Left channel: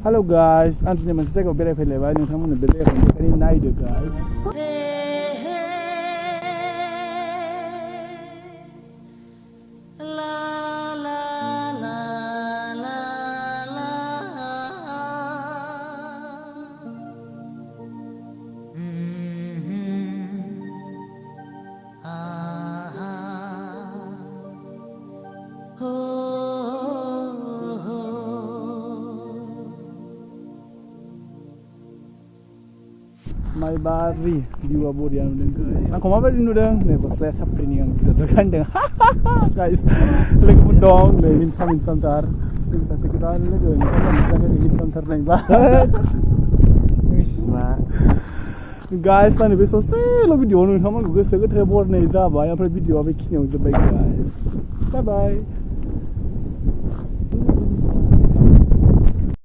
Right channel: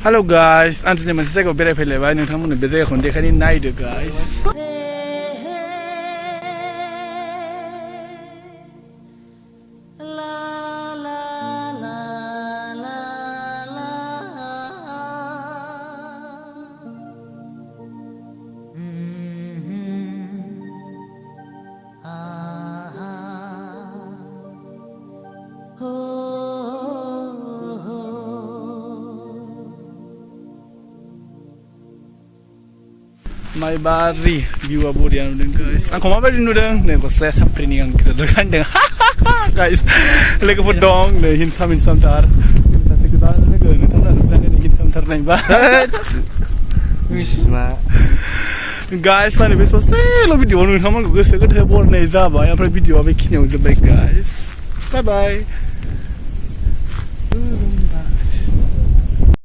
Hello guys, I'm today masih saya berai phelai ba nong thamon berai khon dekhani night guys. My bari view about yang nudeng guys. Aku mau beri nudeng, nih kau saya sampai ni yang kita dokan deng. Guys, lagi podong, nih hinsam tar. Kita sekitar nih kan, nih hinsam tar nih bah. Bisma. Guys, mana besok saya lo video nudeng, kamu gue sekitar hebor nih zaba. Yang per video apa kisnya udah baik guys. Bye bye.